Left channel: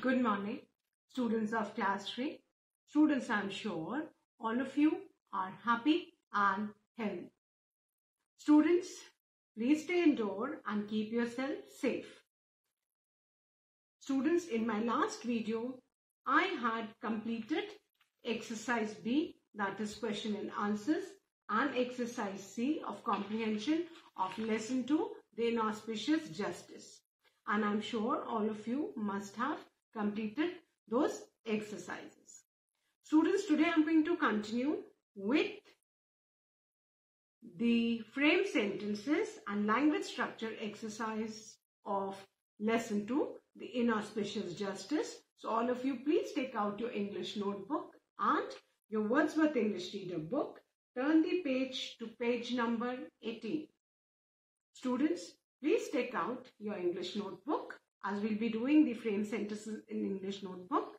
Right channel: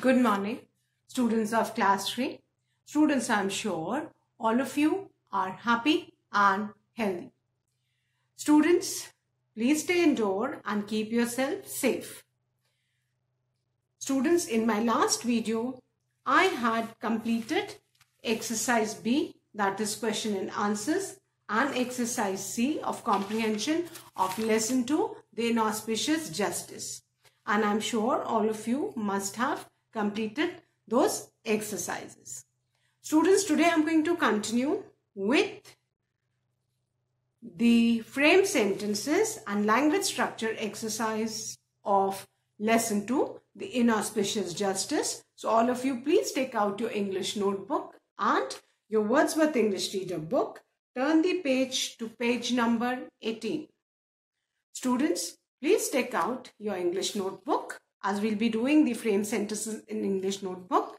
Good morning, students of class 3. Students, I am sure all of you are happy and healthy. Students, please stay indoor and keep yourself safe. Students, in my last video, I had completed exercise B, that is question and answers, and exercise C of comprehension of lesson 2, the inauspicious justice. And I'm sure all of you must have completed those exercises. Students, today I'm going to continue with the frame sentences and language structure exercise of lesson 2, the inauspicious justice. So all of you, please take out your English notebook and your Wordsworth English Reader book. Turn the page to page number 18. Students, please take out your English notebook as we'll be doing the frame sentences in English notebook,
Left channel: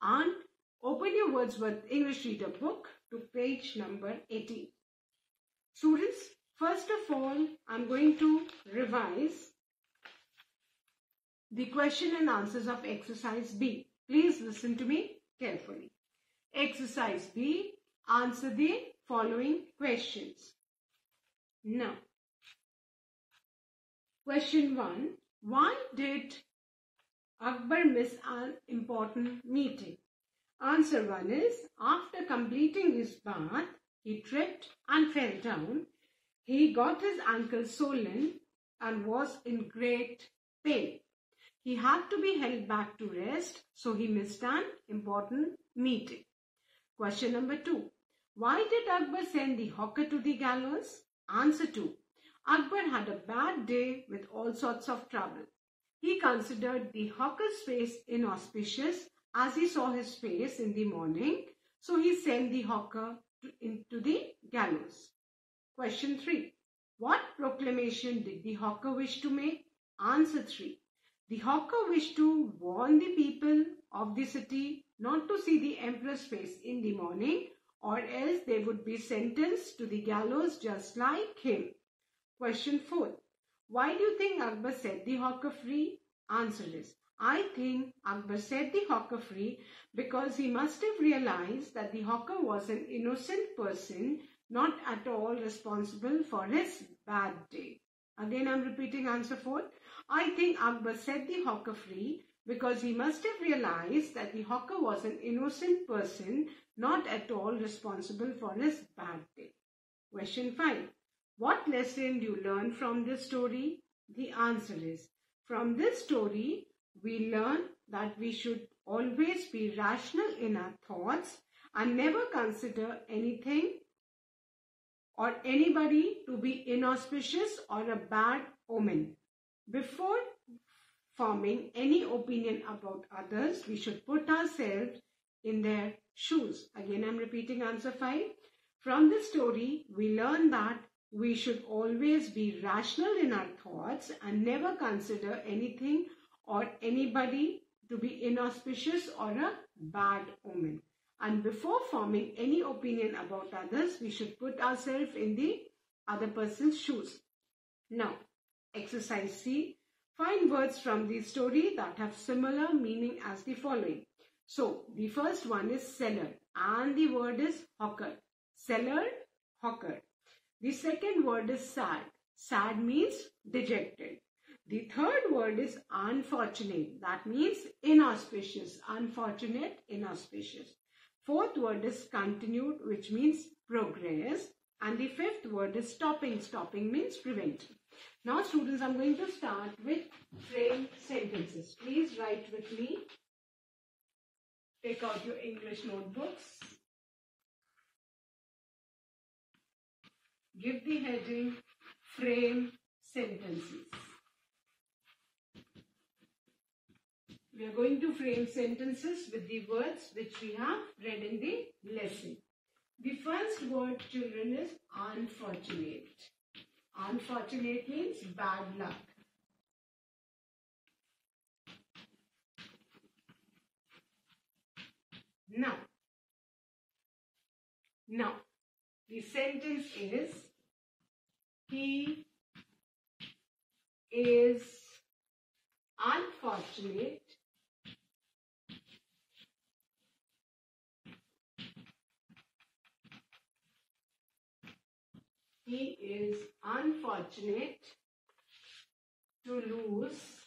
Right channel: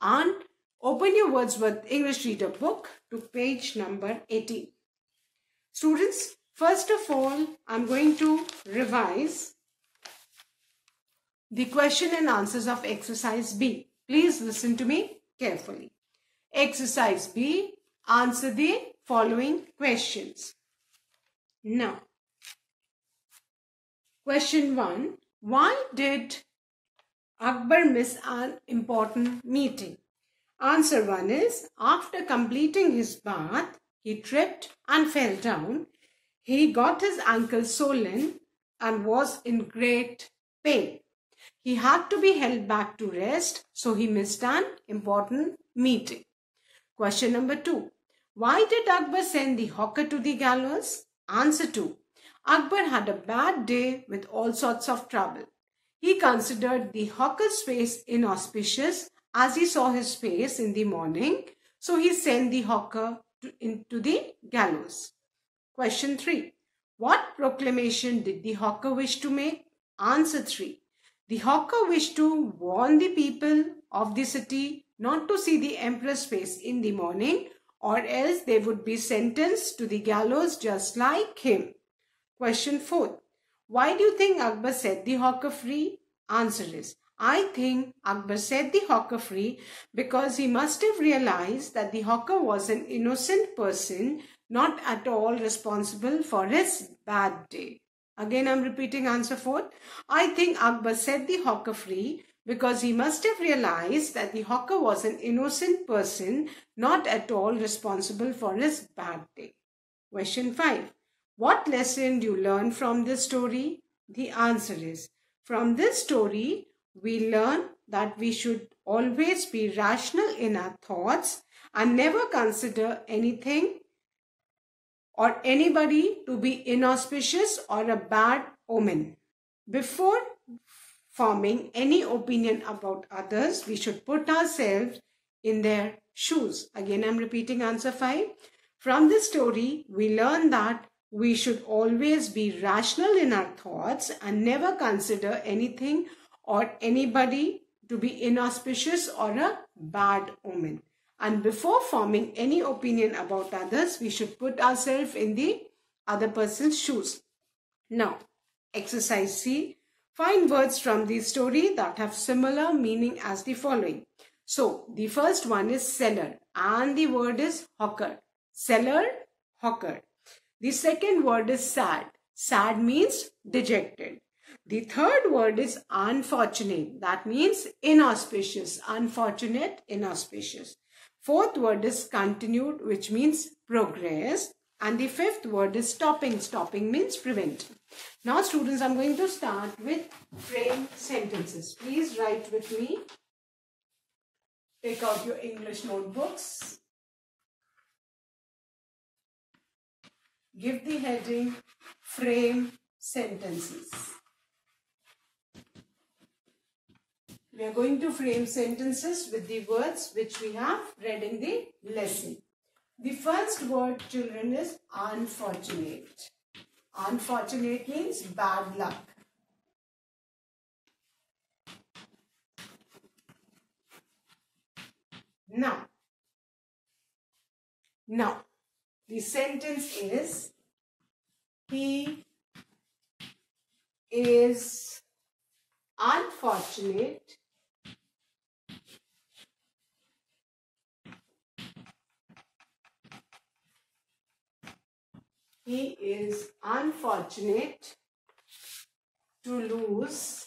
and open your Wordsworth English Reader book to page number 18. Students, first of all, I'm going to revise the question and answers of exercise B. Please listen to me carefully. Exercise B, answer the following questions. Now, question 1. Why did Akbar miss an important meeting? Answer 1 is, after completing his bath, he tripped and fell down. He got his ankle swollen and was in great pain. He had to be held back to rest, so he missed an important meeting. Question number 2. Why did Akbar send the hawker to the gallows? Answer 2. Akbar had a bad day with all sorts of trouble. He considered the hawker's face inauspicious as he saw his face in the morning, so he sent the hawker into the gallows. Question 3. What proclamation did the hawker wish to make? Answer 3. The hawker wished to warn the people of the city not to see the emperor's face in the morning, or else they would be sentenced to the gallows just like him. Question 4. Why do you think Akbar set the hawker free? Answer is, I think Akbar set the hawker free because he must have realized that the hawker was an innocent person, not at all responsible for his bad day. Again, I'm repeating answer 4. I think Akbar set the hawker free because he must have realized that the hawker was an innocent person, not at all responsible for his bad day. Question 5. What lesson do you learn from this story? The answer is, from this story, we learn that we should always be rational in our thoughts and never consider anything or anybody to be inauspicious or a bad omen. Before forming any opinion about others, we should put ourselves in their shoes. Again, I'm repeating answer 5. From this story, we learn that we should always be rational in our thoughts and never consider anything or anybody to be inauspicious or a bad omen. And before forming any opinion about others, we should put ourselves in the other person's shoes. Now, exercise C. Find words from the story that have similar meaning as the following. So, the first one is seller and the word is hawker. Seller, hawker. The second word is sad. Sad means dejected. The third word is unfortunate. That means inauspicious. Unfortunate, inauspicious. Fourth word is continued, which means progress. And the fifth word is stopping. Stopping means preventing. Now, students, I'm going to start with frame sentences. Please write with me. Take out your English notebooks. Give the heading frame sentences. We are going to frame sentences with the words which we have read in the lesson. The first word, children, is unfortunate. Unfortunate means bad luck. Now, the sentence is, he is unfortunate he is unfortunate to lose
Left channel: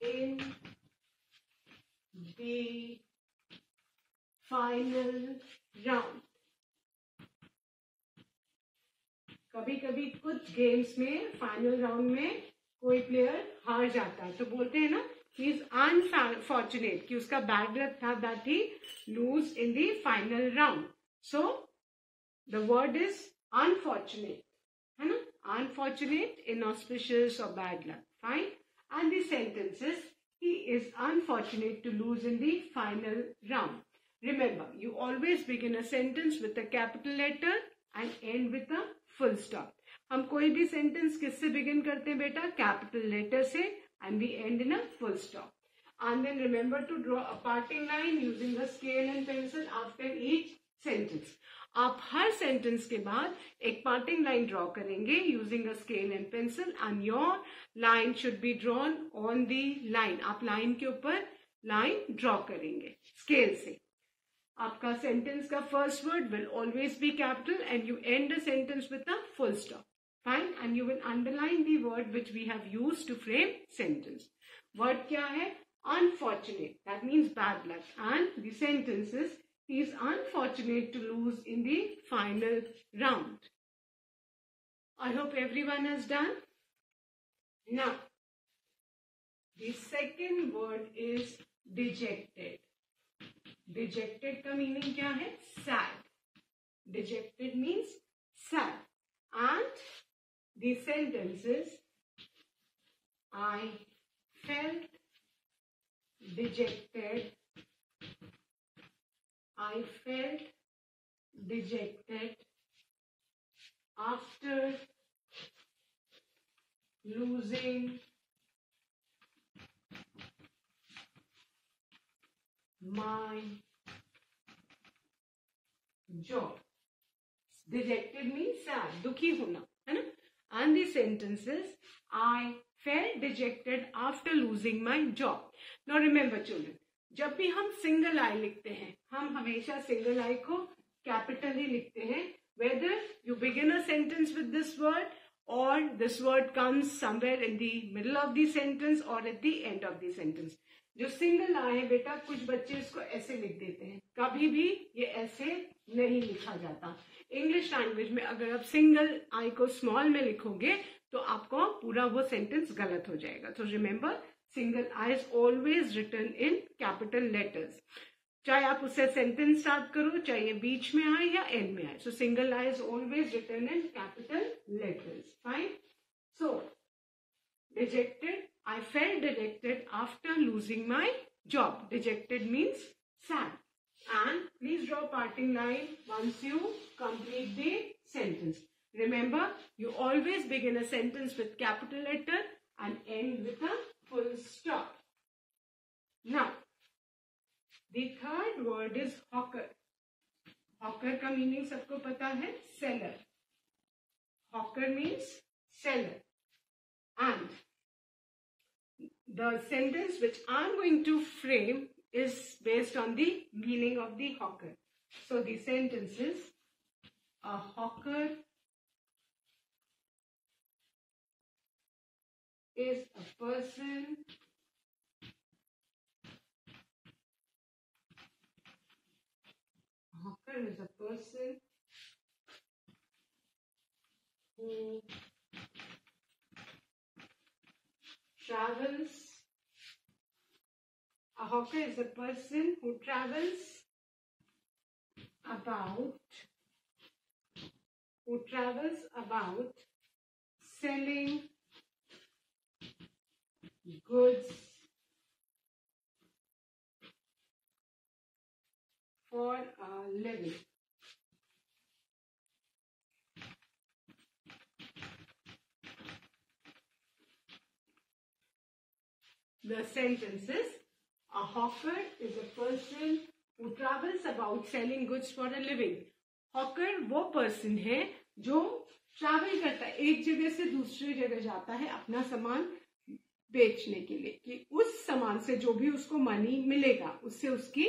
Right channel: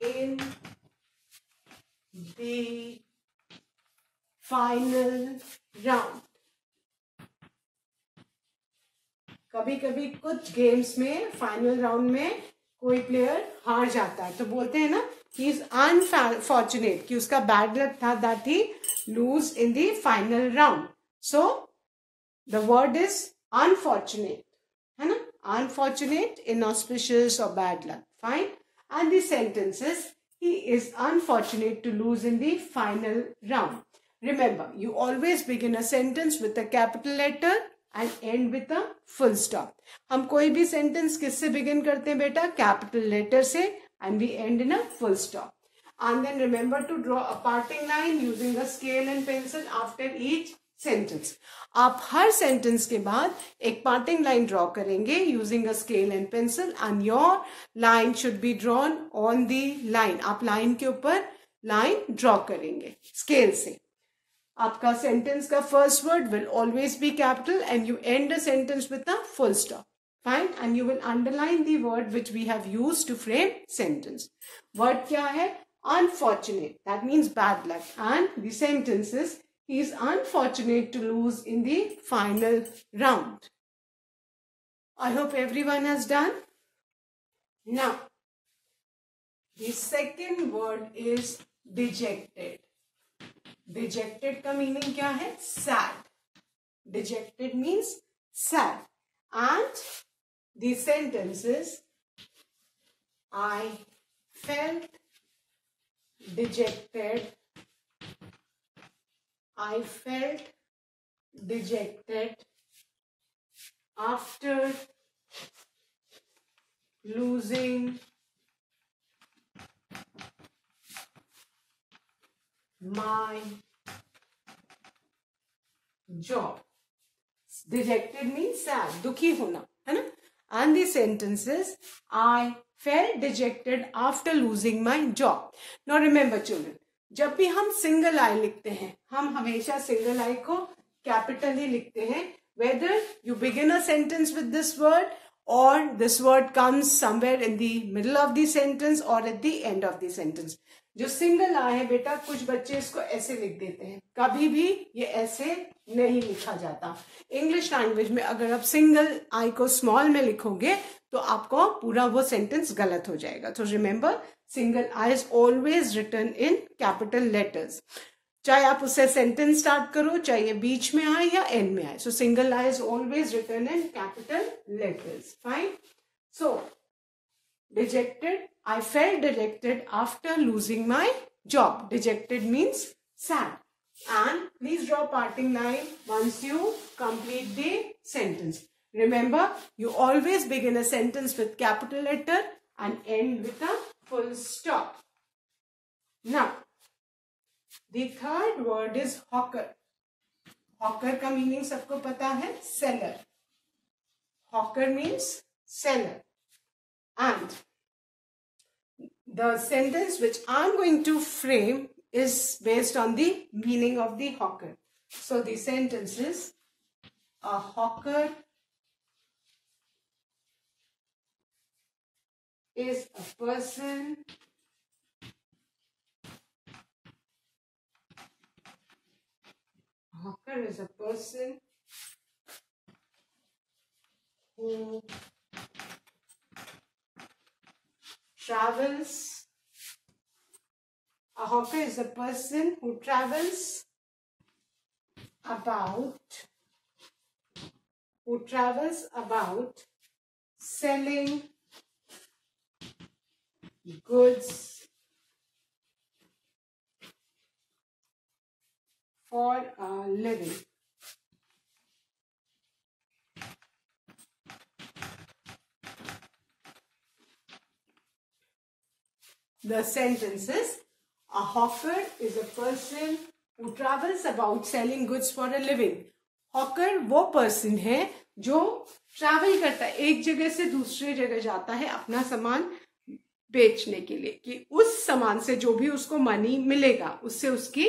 in the final round. कभी कभी कुछ games में final round में कोई player हार जाता है तो बोलते हैं ना ही इज अनफॉर्चुनेट कि उसका बैड लक था that he lose in the final round. So the word is unfortunate, है ना, अनफॉर्चुनेट, इनऑस्पिशियस और bad luck. Fine. And the sentence is he is unfortunate to lose in the final round. Remember, you always begin a sentence with a capital letter and end with a full stop. हम कोई भी sentence किससे begin करते हैं बेटा? Capital letter से, and we end in a full stop. And then remember to draw a parting line using a scale and pencil after each sentence. आप हर sentence के बाद एक पार्टिंग लाइन ड्रॉ करेंगे using a scale and pencil and your line should be drawn on the line. आप line के ऊपर line draw करेंगे scale से. आपका सेंटेंस का first word will always be capital and you end a sentence with a full stop. Fine. And you will underline the word which we have used to frame sentence. Word क्या है? Unfortunate. That means bad luck. And the sentence is he is unfortunate to lose in the final round. I hope everyone has done. Now, the second word is dejected. Dejected का meaning क्या है? Sad. Dejected means sad. And the sentence is, I felt dejected. I felt dejected after losing my job. Dejected means sad, दुखी होना, है ना? And the sentence is, I felt dejected after losing my job. Now remember children, जब भी हम single I लिखते हैं हम हमेशा सिंगल आई को कैपिटल ही लिखते हैं. Whether you begin a sentence with this word और this word comes somewhere in the middle of the sentence और at the end of the sentence. जो सिंगल आई है बेटा कुछ बच्चे इसको ऐसे लिख देते हैं, कभी भी ये ऐसे नहीं लिखा जाता. इंग्लिश लैंग्वेज में अगर आप सिंगल आई को स्मॉल में लिखोगे तो आपको पूरा वो सेंटेंस गलत हो जाएगा. तो remember, single I is always written in capital letters. चाहे आप उससे सेंटेंस स्टार्ट करो चाहे ये बीच में आए या एंड में आए. सो single I is always written in capital letters. Fine. So dejected, I felt dejected after losing my job. Dejected means sad. And please draw parting line once you complete the sentence. Remember, you always begin a sentence with capital letter and end with a full stop. Now, the third word is hawker. Hawker का meaning सबको पता है, seller. Hawker means seller. And the sentence which I am going to frame is based on the meaning of the hawker. So the sentence is, a hawker is a person who travels. A hawker is a person who travels about selling goods for a living. The sentence is, a hawker is a person who travels about selling goods for a living. Hawker वो person है जो travel करता है, एक जगह से दूसरी जगह जाता है अपना सामान बेचने के लिए, कि उस सामान से जो भी उसको मनी मिलेगा उससे उसकी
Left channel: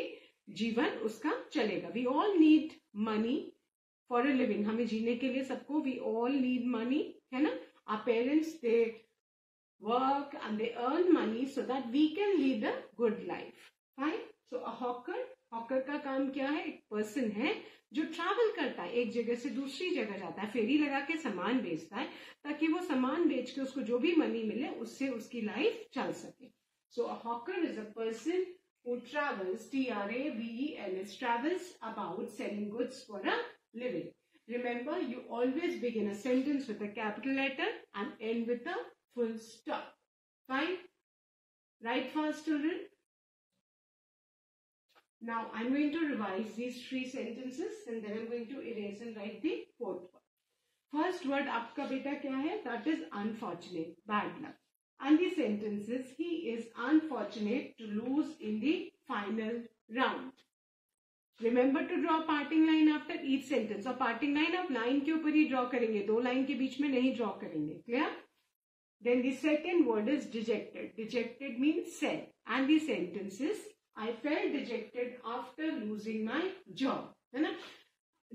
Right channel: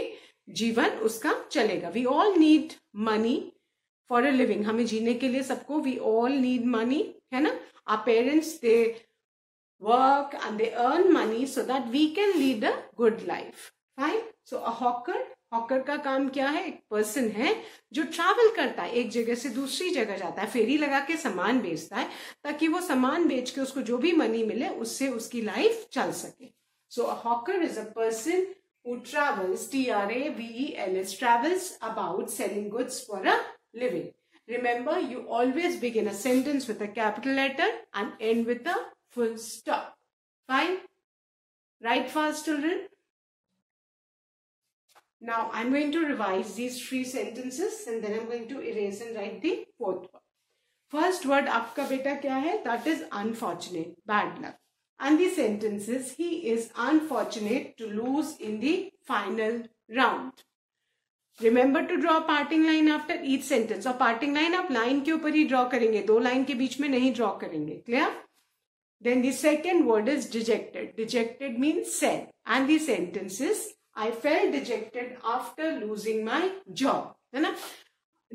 जीवन उसका चलेगा. We all need money for a living, हमें जीने के लिए सबको, वी ऑल नीड मनी, है ना. Our parents they work and they earn money so that we can lead a good life. Fine. So a hawker का काम क्या है? एक पर्सन है जो ट्रैवल करता है, एक जगह से दूसरी जगह जाता है, फेरी लगा के सामान बेचता है ताकि वो सामान बेच के उसको जो भी मनी मिले उससे उसकी लाइफ चल सके. So a hawker is a person who travels, TRAVELS, travels about selling goods for a living. Remember, you always begin a sentence with a capital letter and end with a full stop. Fine. Write fast, children. Now I'm going to revise these 3 sentences and then I'm going to erase and write the 4th one. First word आपका बेटा क्या है? That is unfortunate, bad luck. And the sentence is, he is unfortunate to lose in the final round. Remember to draw a parting line after each sentence. और parting line आप line के ऊपर ही draw करेंगे, 2 line के बीच में नहीं draw करेंगे. Clear? Then the second word is dejected. Dejected means sad. And the sentence is, I felt dejected after losing my job. है ना?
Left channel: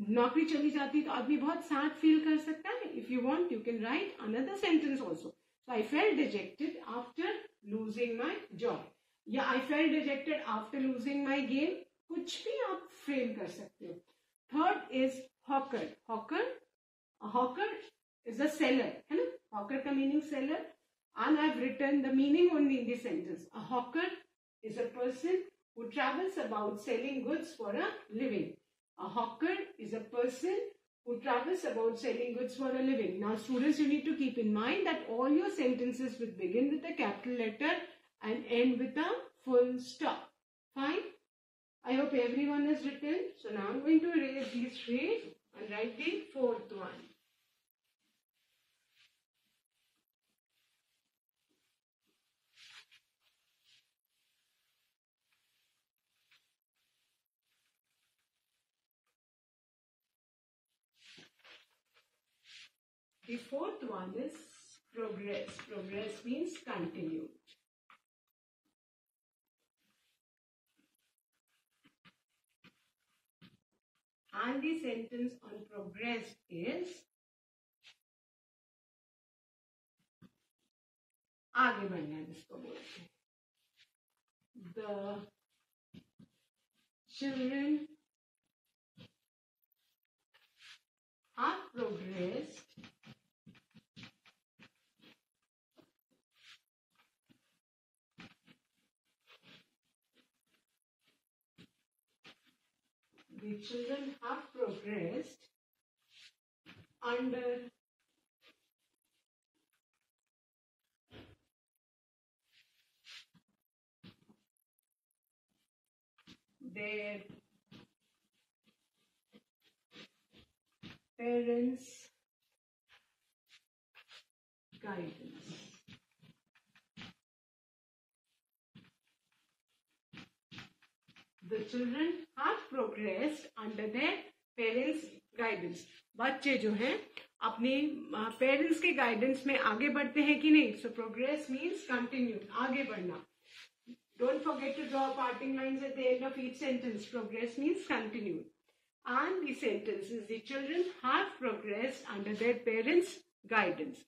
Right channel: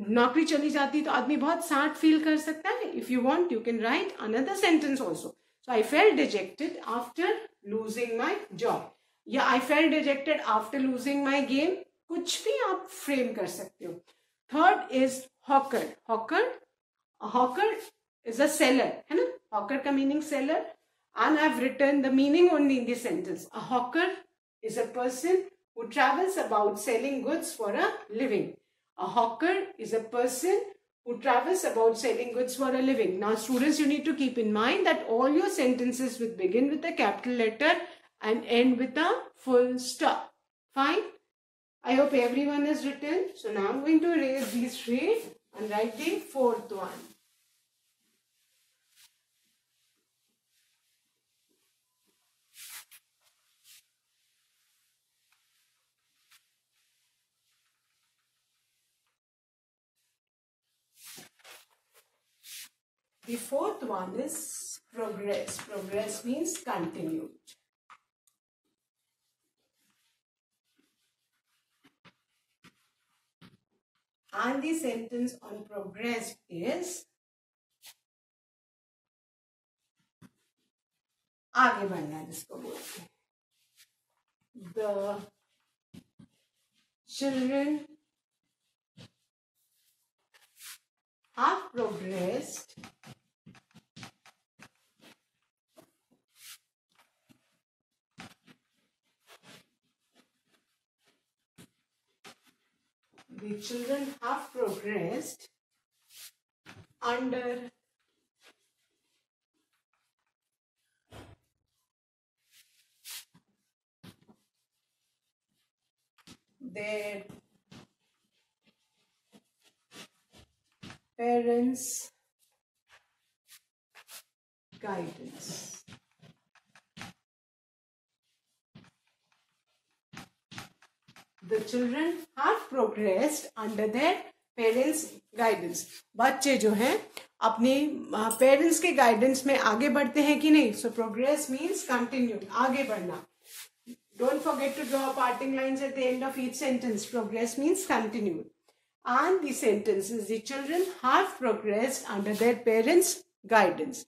नौकरी चली जाती तो आदमी बहुत सैड फील कर सकता है. If you want, you can write another sentence also. So I felt dejected after losing my job. या I felt dejected after losing my game. कुछ भी आप फ्रेम कर सकते हो. Third is hawker. Hawker is a seller, है ना? Hawker का meaning seller, and I've written the meaning only in this sentence. A hawker is a person who travels about selling goods for a living. A hawker is a person who travels about selling goods for a living. Now students, you need to keep in mind that all your sentences will begin with a capital letter and end with a full stop. Fine? I hope everyone has written. So now I'm going to erase these 3 and write the 4th one. The 4th one is progress. Progress means continued. And the sentence on progress is, आगे बढ़ना है जिसको बोलते हैं. The children have progressed under their parents' guidance. The children have progressed under their parents' guidance. बच्चे जो हैं अपने पेरेंट्स के गाइडेंस में आगे बढ़ते हैं कि नहीं? So progress means continued, आगे बढ़ना. Don't forget to draw parting lines at the end of each sentence. Progress means continued. And the sentence is, the children have progressed under their parents' guidance.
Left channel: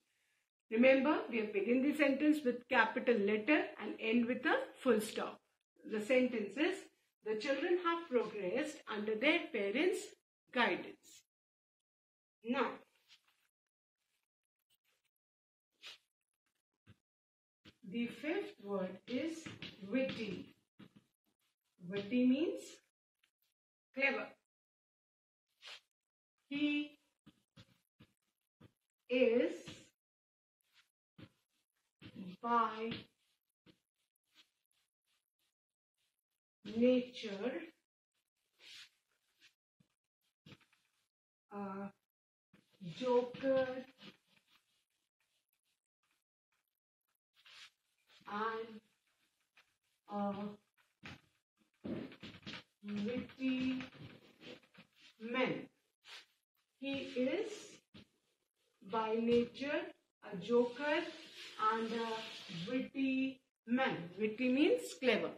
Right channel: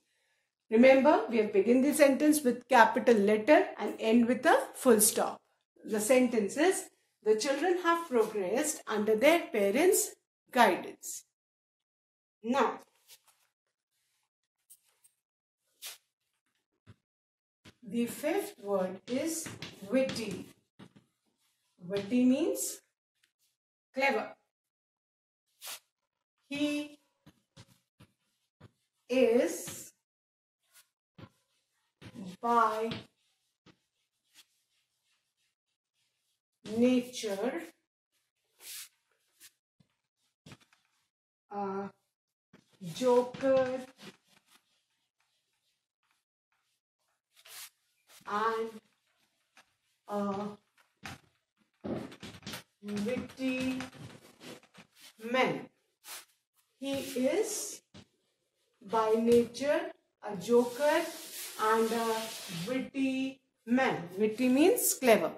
Remember, we have begun the sentence with capital letter and end with a full stop. The sentence is, the children have progressed under their parents' guidance. Now, the 5th word is witty. Witty means clever. He is by nature a joker and a witty man. He is by nature a joker and a witty man. Witty means clever.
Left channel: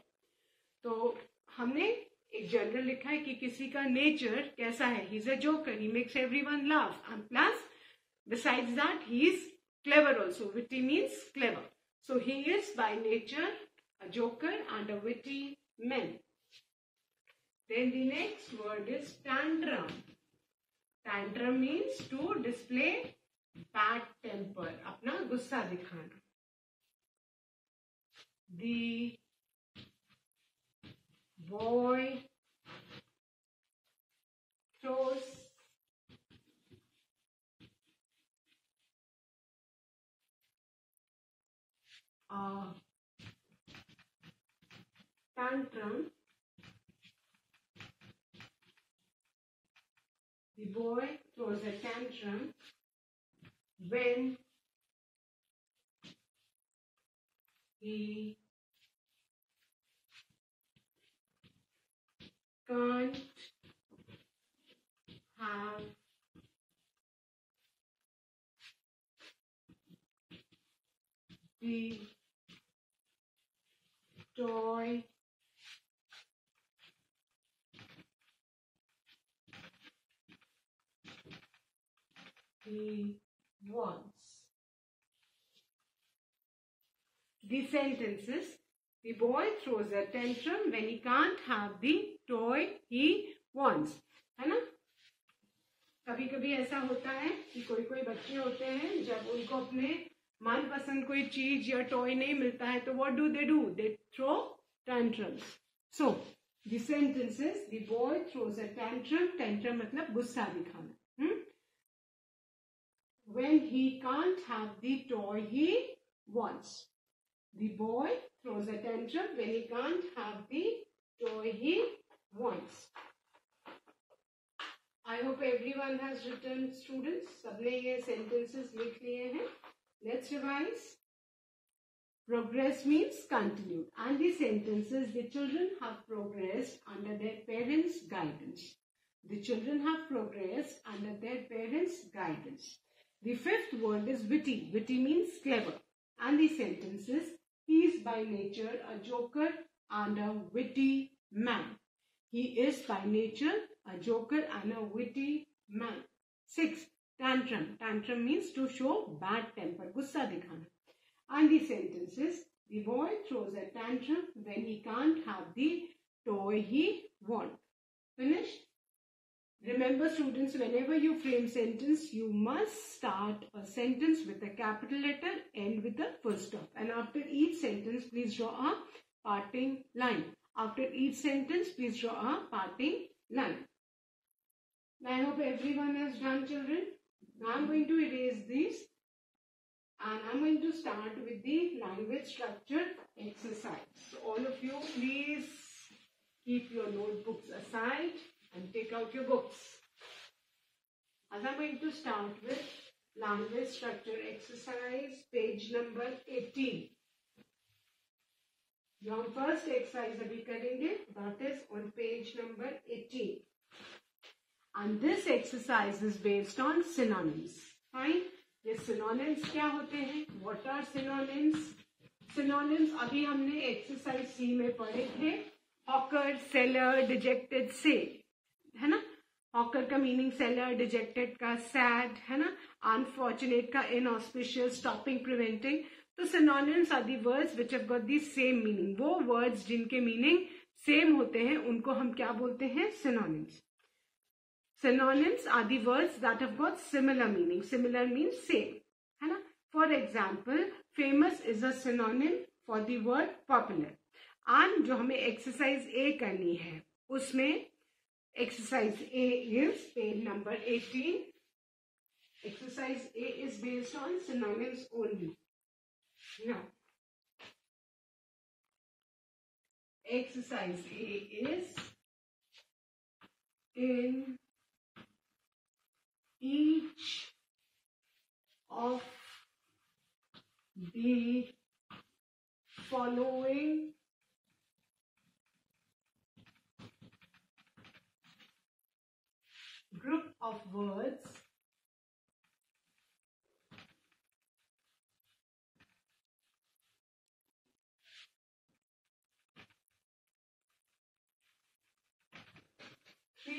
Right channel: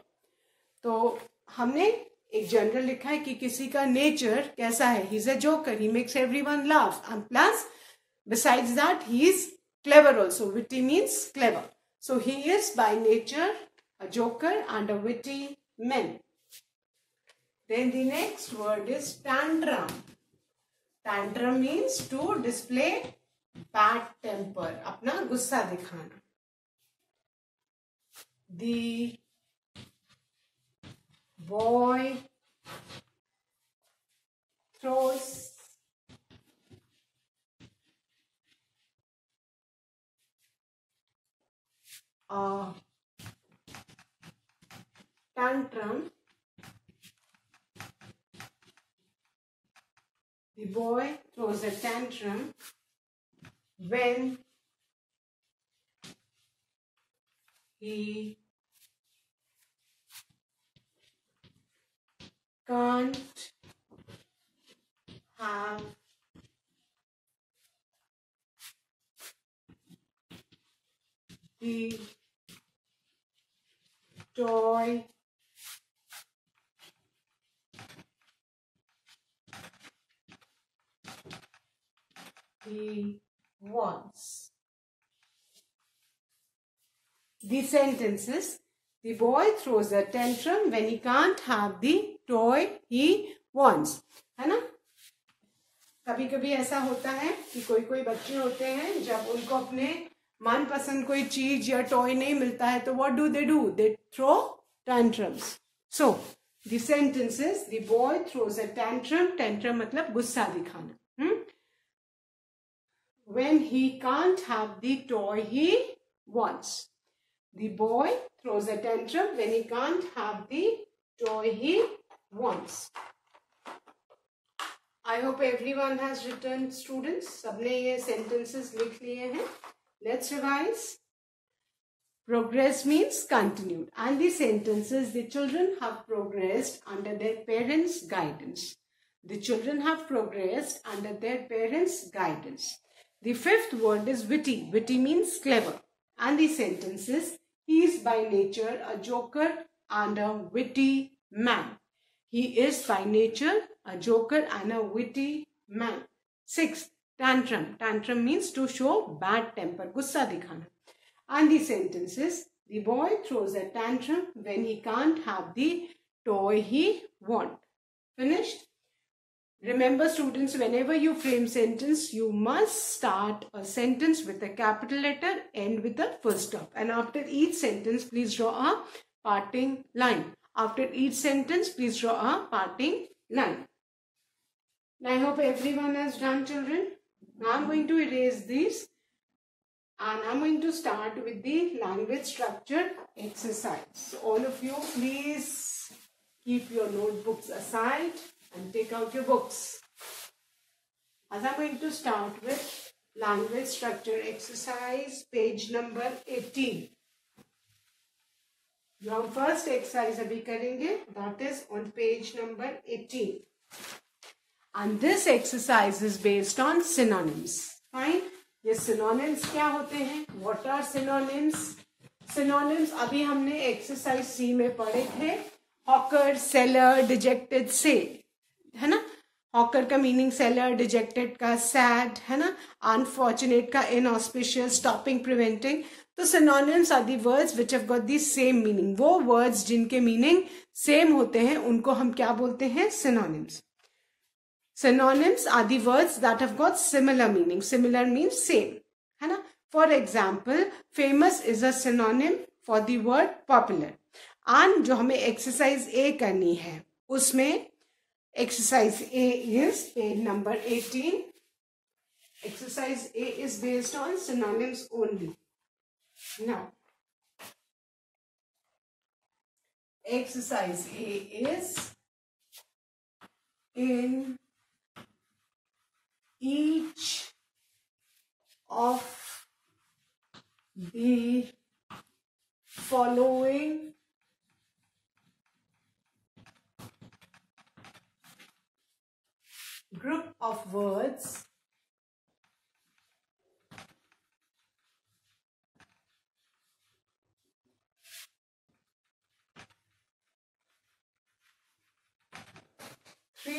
तो हमने एक general लिखा है कि किसी का nature कैसा है, he is a joker, he makes everyone laugh, and plus besides that he is clever also. Witty means clever, so he is by nature a joker and a witty man. Then the next word is tantrum. Tantrum means to display bad temper, अपना गुस्सा दिखाना. The boy throws a tantrum. The boy throws a tantrum when he can't have the toy he wants. The sentences: the boy throws a tantrum when he can't have the toy he wants. है ना? कभी कभी ऐसा होता है कि कोई कोई बच्चे होते हैं, जब उनको अपने मनपसंद कोई चीज या टॉय नहीं मिलता है तो what do? They throw tantrums. So the sentences: the boy throws a tantrum. Tantrum मतलब गुस्सा दिखाना. When he can't have the toy he wants. The boy throws a tantrum when he can't have the toy he wants. I hope everyone has written, students. सबने ये sentences लिख लिए हैं. Let's revise. Progress means continued, and the sentences: the children have progressed under their parents' guidance. The children have progressed under their parents' guidance. The fifth word is witty. Witty means clever, and the sentences: he is by nature a joker and a witty man. He is by nature a joker and a witty man. Sixth, tantrum. Tantrum means to show bad temper, गुस्सा दिखाना. And the sentences: the boy throws a tantrum when he can't have the toy he wants. Finished? Remember, students, whenever you frame sentence, you must start a sentence with a capital letter, end with a full stop. And after each sentence, please draw a parting line. After each sentence, please draw a parting line. Now, I hope everyone has done, children. Now, I'm going to erase these. And I'm going to start with the language structure exercise. So all of you, please keep your notebooks aside and take out your books. As I'm going to start with language structure exercise, page number 18. जो हम first exercise अभी करेंगे, that is on page number 18. And this exercise is based on synonyms. Fine. ये synonyms क्या होते हैं? What are synonyms? Synonyms अभी हमने exercise C में पढ़े थे. Hawker, seller, dejected, sad. है ना? Hawker का meaning seller, dejected का sad, है ना? Unfortunate का inauspicious, stopping, preventing. तो synonyms are the words which have got the same meaning. वो words जिनके meaning same होते हैं उनको हम क्या बोलते हैं? Synonyms. Synonyms are the words that have got similar meaning. Similar means same. है ना? For example, famous is a synonym for the word popular. And जो हमें exercise A करनी है, उसमें exercise A is page number 18. Exercise A is based on synonyms only. Now, exercise A is in each of the following group of words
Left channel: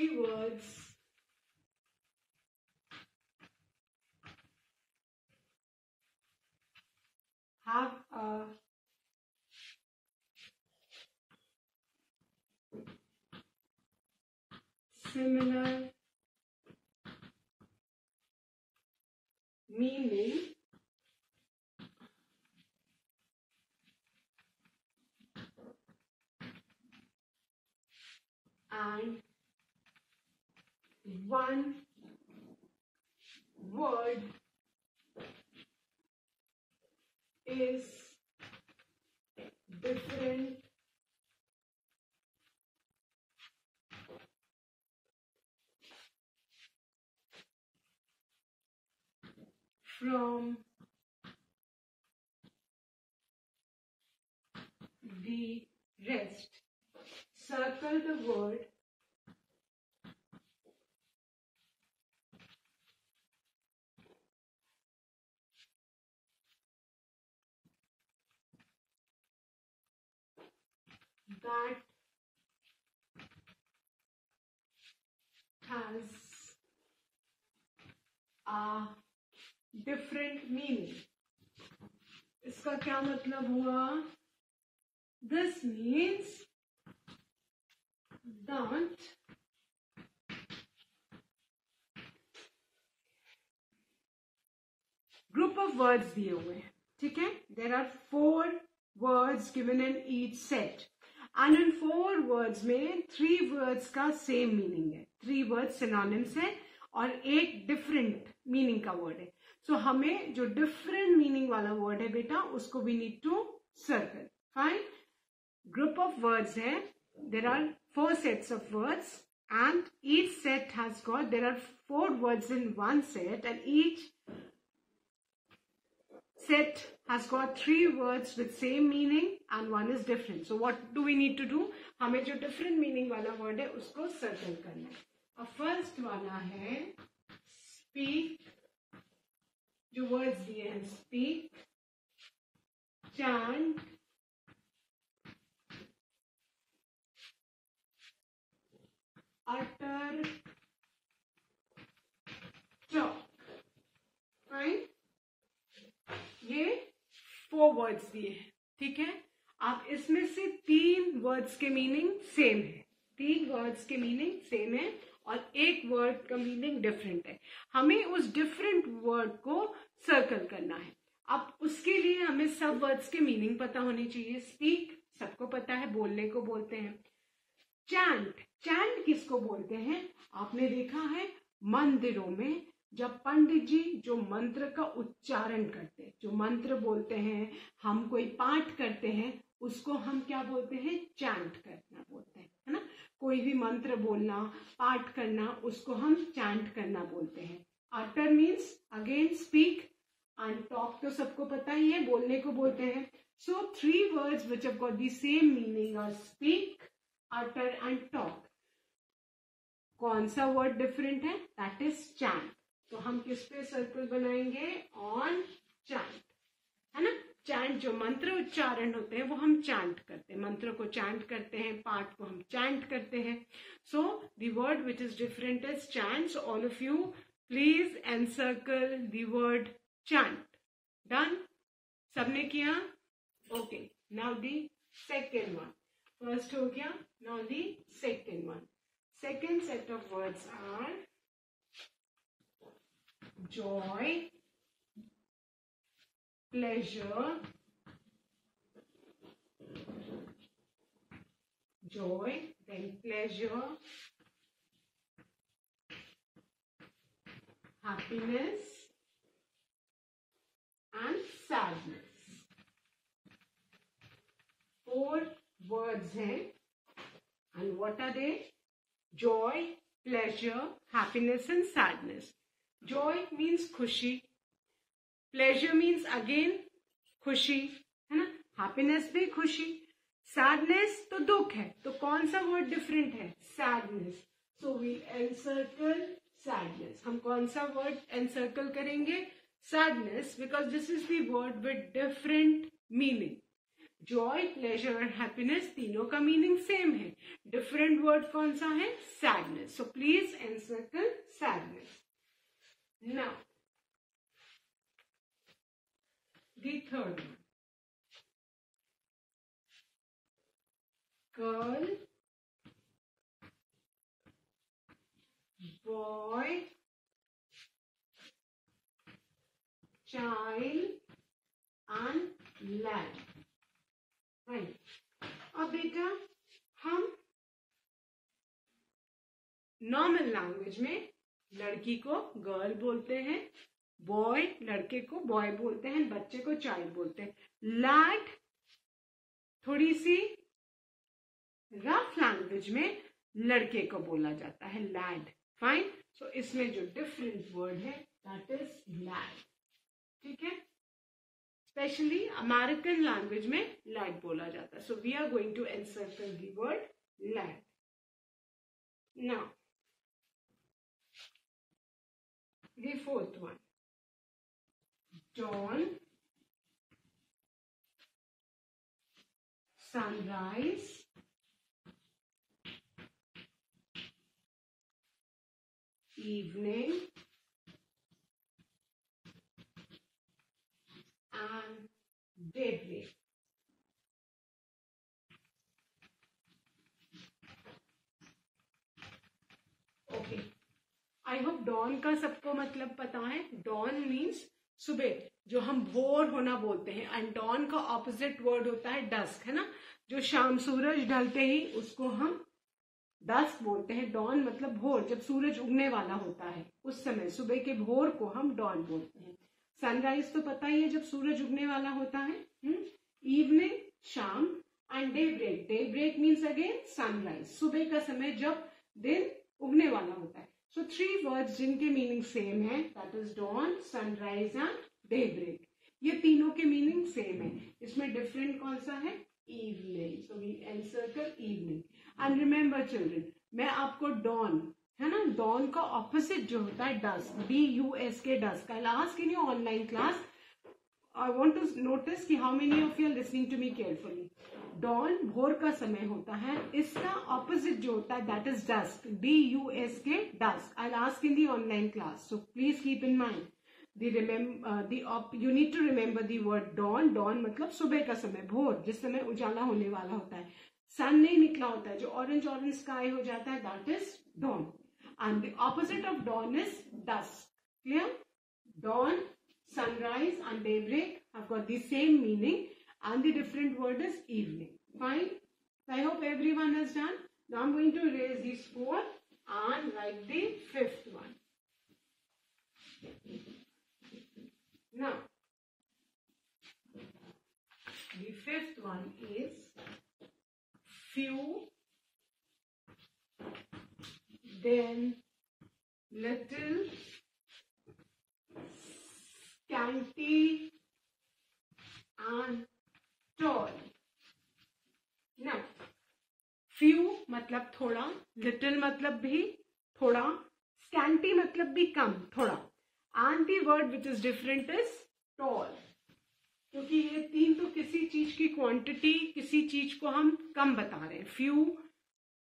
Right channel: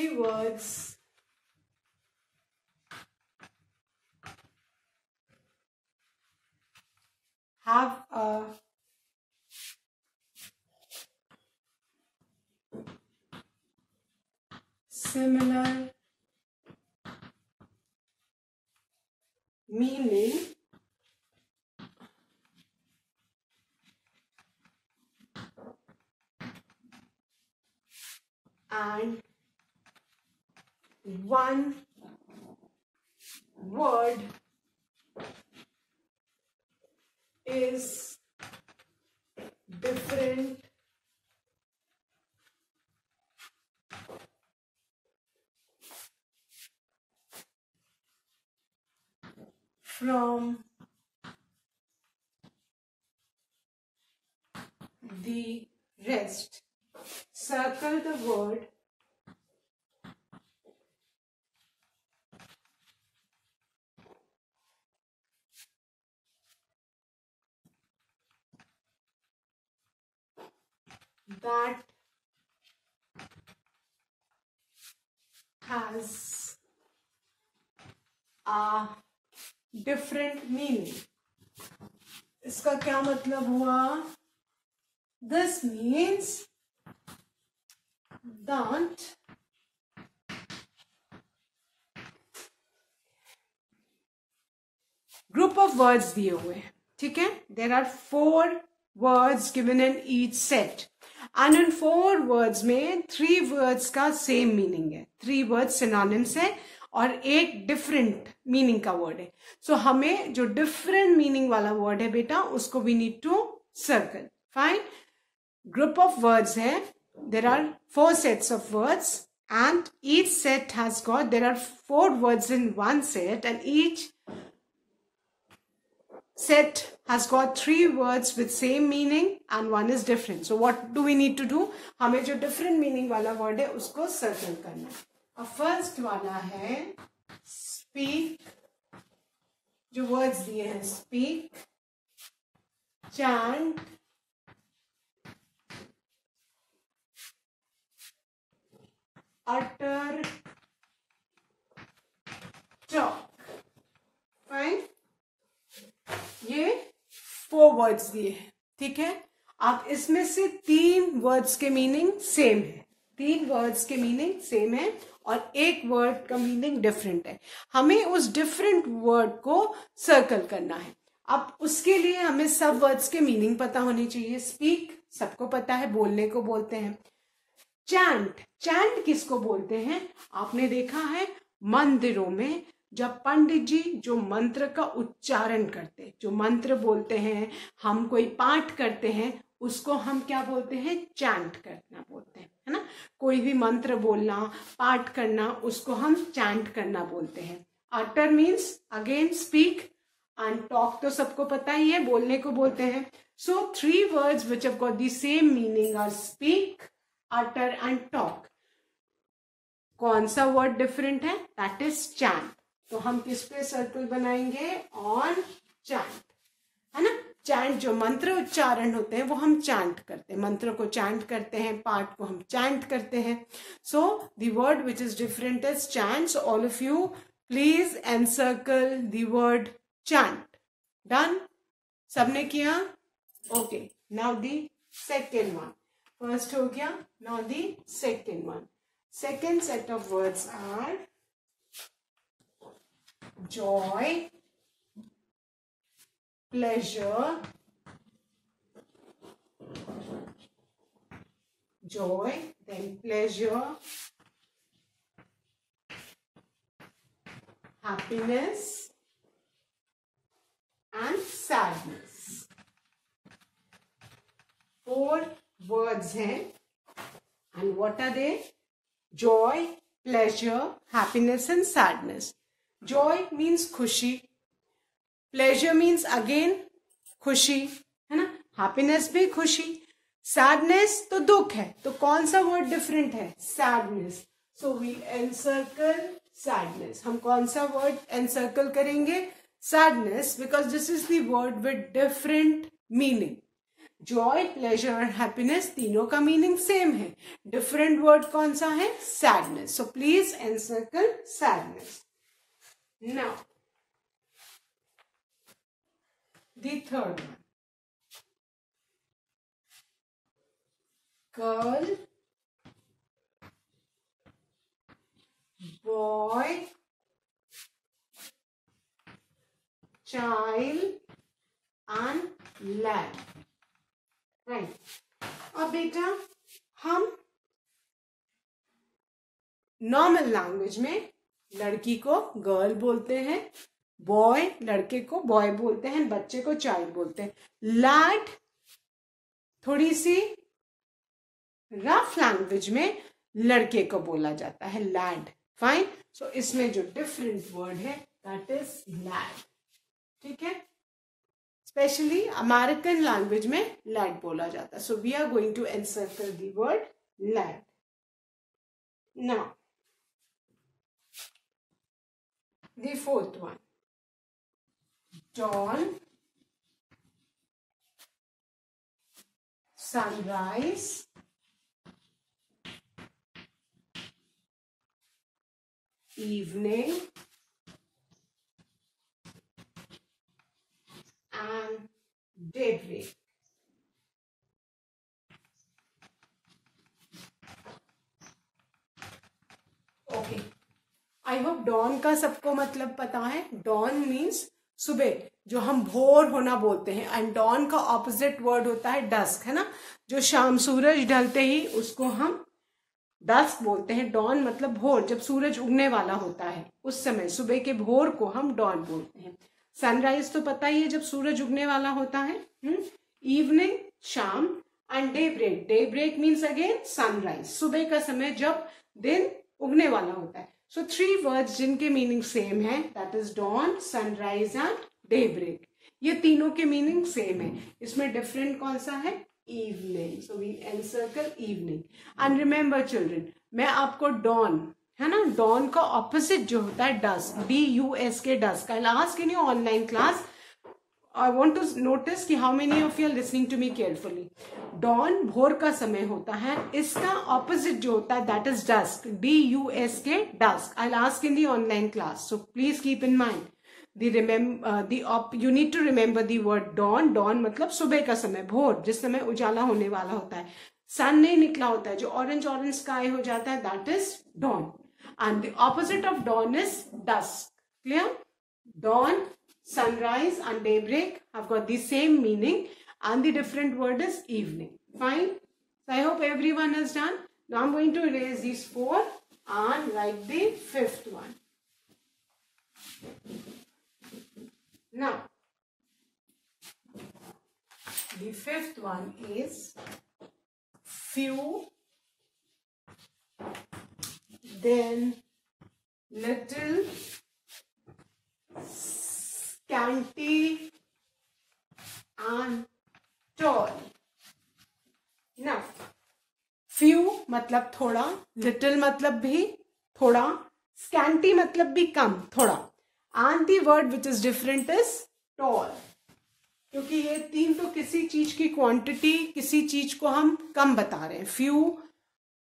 three words have a similar meaning and one word is different from the rest. Circle the word that has a different meaning. इसका क्या मतलब हुआ? This means that group of words दिए हुए हैं, ठीक है? There are 4 words given in each set and in 4 words में 3 words का same meaning है, 3 words synonyms है और एक different meaning का word है. So हमें जो different meaning वाला word है बेटा उसको we need to circle. Fine. Group of words है. There are 4 sets of words and each set has got, there are 4 words in one set and each set has got 3 words with same meaning and one is different. So what do we need to do? हमें जो different meaning वाला word है उसको circle करना है. अब first वाला है speak. जो words दिए हैं speak, chant, utter, talk. Fine. ये 4 वर्ड्स दिए हैं, ठीक है? अब इसमें से 3 वर्ड्स के मीनिंग सेम है, 3 वर्ड्स के मीनिंग सेम है और एक वर्ड का मीनिंग डिफरेंट है. हमें उस डिफरेंट वर्ड को सर्कल करना है. अब उसके लिए हमें सब वर्ड्स के मीनिंग पता होने चाहिए. स्पीक सबको पता है, बोलने को बोलते हैं. चैंट, चैंट किसको बोलते हैं? आपने देखा है मंदिरों में जब पंडित जी जो मंत्र का उच्चारण करते, जो मंत्र बोलते हैं, हम कोई पाठ करते हैं, उसको हम क्या बोलते हैं? चैंट करना बोलते हैं, है ना? कोई भी मंत्र बोलना, पाठ करना, उसको हम चैंट करना बोलते हैं. Utter means again speak and talk तो सबको पता ही है, बोलने को बोलते हैं. So 3 words which have got the same meaning are speak, utter and talk. कौन सा वर्ड डिफरेंट है? That is chant. तो हम किस पे सर्कल बनाएंगे? ऑन चैंट, है ना? चैंट जो मंत्र उच्चारण होते हैं वो हम चैंट करते हैं, मंत्र को चैंट करते हैं, पाठ को हम चैंट करते हैं. सो the word which is different is chant. So all of you please encircle the word chant. Done? सबने किया? Okay. Now the second one. First हो गया, now the second one. Second set of words are joy, pleasure, joy, then pleasure, happiness and sadness. 4 words हैं and what are they? Joy, pleasure, happiness and sadness. Joy means खुशी, pleasure means again खुशी, है ना? happiness भी खुशी, sadness तो दुख है. तो कौन सा word different है? sadness. So we'll encircle sadness. हम कौन सा word encircle करेंगे? sadness, because this is the word with different meaning. Joy, pleasure और हैप्पीनेस तीनों का मीनिंग सेम है. डिफरेंट वर्ड कौन सा है? Sadness. So please encircle sadness. Now the third one. Girl, boy, child and lad. Right. अब बेटा हम नॉर्मल लैंग्वेज में लड़की को गर्ल बोलते हैं, बॉय लड़के को बॉय बोलते हैं, बच्चे को चाइल्ड बोलते हैं. लैड थोड़ी सी रफ लैंग्वेज में लड़के को बोला जाता है, लैड. फाइन. सो इसमें जो डिफरेंट वर्ड है दैट इज लैड. ठीक है. स्पेशली अमेरिकन लैंग्वेज में लैड बोला जाता है. So we are going to encircle the word lad. Now the fourth one. dawn, sunrise, evening and daybreak. Okay. I hope dawn का सबको मतलब पता है. डॉन मीन्स सुबह, जो हम भोर होना बोलते हैं. एंड डॉन का ऑपोजिट वर्ड होता है डस्क, है ना. जो शाम सूरज ढलते ही उसको हम डस्क बोलते हैं. डॉन मतलब भोर, जब सूरज उगने वाला होता है उस समय सुबह के भोर को हम डॉन बोलते हैं. सनराइज तो पता ही है, जब सूरज उगने वाला होता है. इवनिंग शाम. And daybreak. Daybreak means again sunrise, सुबह का समय जब दिन उगने वाला होता है. सो 3 वर्ड्स जिनके मीनिंग सेम है, that is dawn, sunrise and daybreak. ये तीनों के मीनिंग सेम है. इसमें डिफरेंट कौन सा है? Evening. So we encircle evening. And remember children, मैं आपको डॉन, है ना, डॉन का ऑपोजिट जो होता है dusk, DUSK, dusk. I ask in your online class. I want to notice कि how many of you are listening to me carefully. Dawn भोर का समय होता है, इसका ऑपोजिट जो होता है that is dusk, DUSK, dusk. I ask in the online class. So please keep in mind you need to remember the word dawn. dawn मतलब सुबह का समय, भोर, जिस समय उजाला होने वाला होता है, सन नहीं निकला होता है, जो ऑरेंज ऑरेंज स्काई हो जाता है, that is dawn. And the opposite of dawn is dusk. Clear? Dawn, sunrise and daybreak have got the same meaning and the different word is evening. Fine? So I hope everyone has done. Now I'm going to erase these 4 and write the 5th one. Now, the 5th one is few, then little, scanty and tall. Now, few मतलब थोड़ा, little मतलब भी थोड़ा, scanty मतलब भी कम, थोड़ा. And the word which is different is tall. क्योंकि ये तीन तो किसी चीज की क्वांटिटी, किसी चीज को हम कम बता रहे हैं. फ्यू,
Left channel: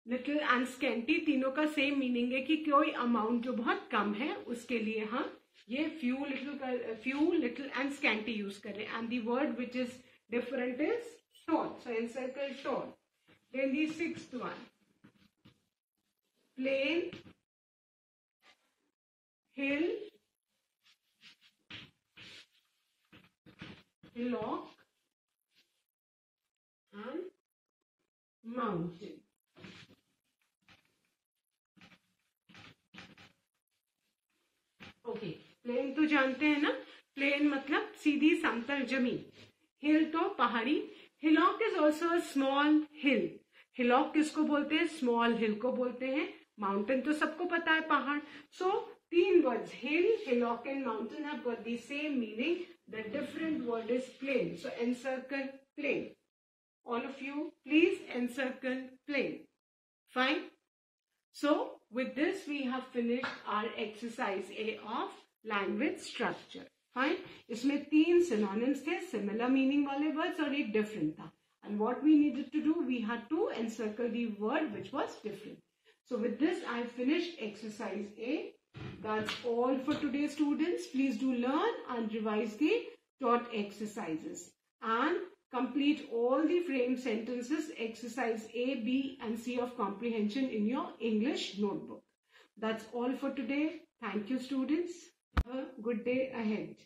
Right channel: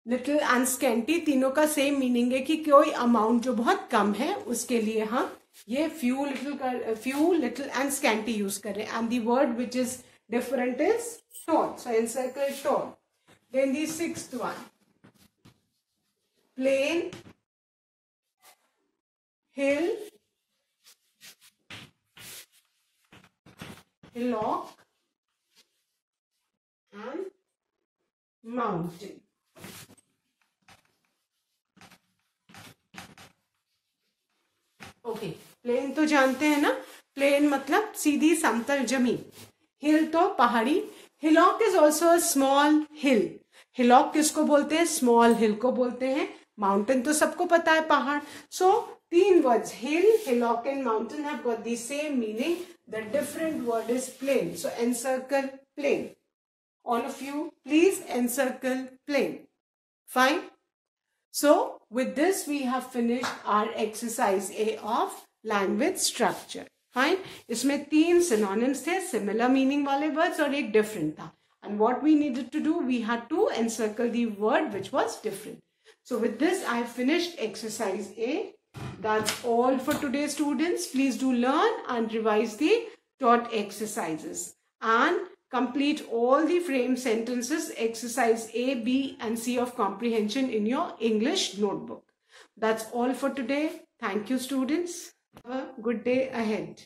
लिटिल एंड स्कैंटी तीनों का सेम मीनिंग है कि कोई अमाउंट जो बहुत कम है उसके लिए हम ये few, little and scanty use कर रहे हैं. And the word which is different is tall. So encircle tall. Then the 6th one, plain, hill, hillock and mountain. Okay. Plain तो जानते हैं ना, प्लेन मतलब सीधी समतल जमीन. हिल तो पहाड़ी. Hillock is also a small hill. Hillock किसको बोलते हैं? स्मॉल हिल को बोलते हैं. माउंटेन तो सबको पता है, पहाड़. सो 3 words, hill, hillock and mountain have got the same meaning. The different word is plain. So encircle plain. All of you, please encircle plain. Fine. So with this we have finished our exercise A of language structure. Fine. इसमें 3 synonyms थे, similar meaning वाले words और एक different था. And what we needed to do, we had to encircle the word which was different. So with this, I have finished exercise A. That's all for today, students. Please do learn and revise the taught exercises and complete all the frame sentences, exercise A, B and C of comprehension in your English notebook. That's all for today. Thank you, students. Have a good day ahead.